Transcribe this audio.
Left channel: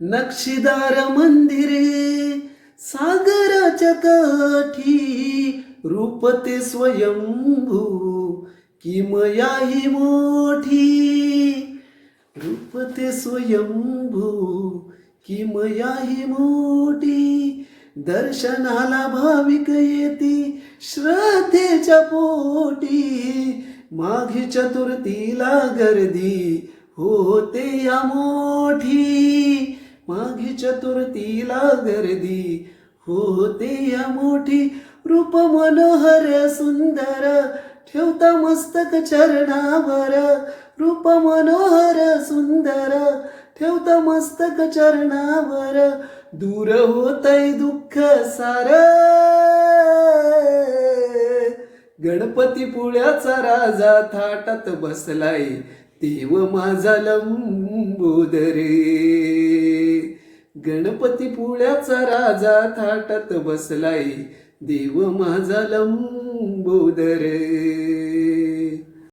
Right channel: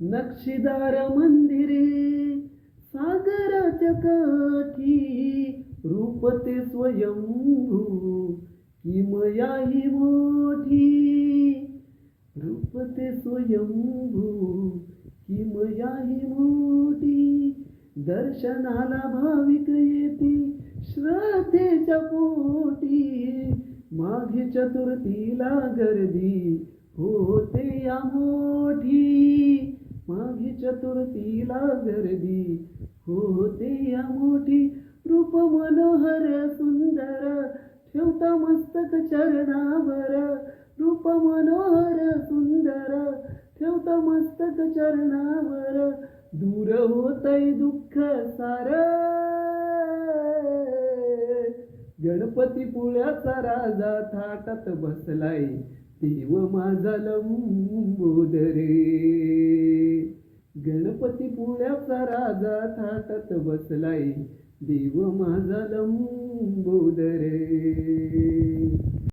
नक्षीदार मंदिरे सागराच्या काठी, रूप ते स्वयंभू किमयाही मोठी, रूप ते स्वयंभू किमयाही मोठी. दर्शनाला भाविक येती श्रद्धेच्या पोटी, माघी चतुर्थीला गर्दी होते या मोठी, माघी चतुर्थीला गर्दी होते या मोठी. रूप मनोहर सुंदर ठेवता मस्तक चरणावर, रूप मनोहर सुंदर ठेवता मस्तक चरणावर. दूर होतय दुःख सार, गणपती पुण्याचा राजा थाटात बसलाय, देव माझा लंबोदरे. गणपती पुण्याचा राजा थाटात बसलाय, देव माझा लंबोदरे.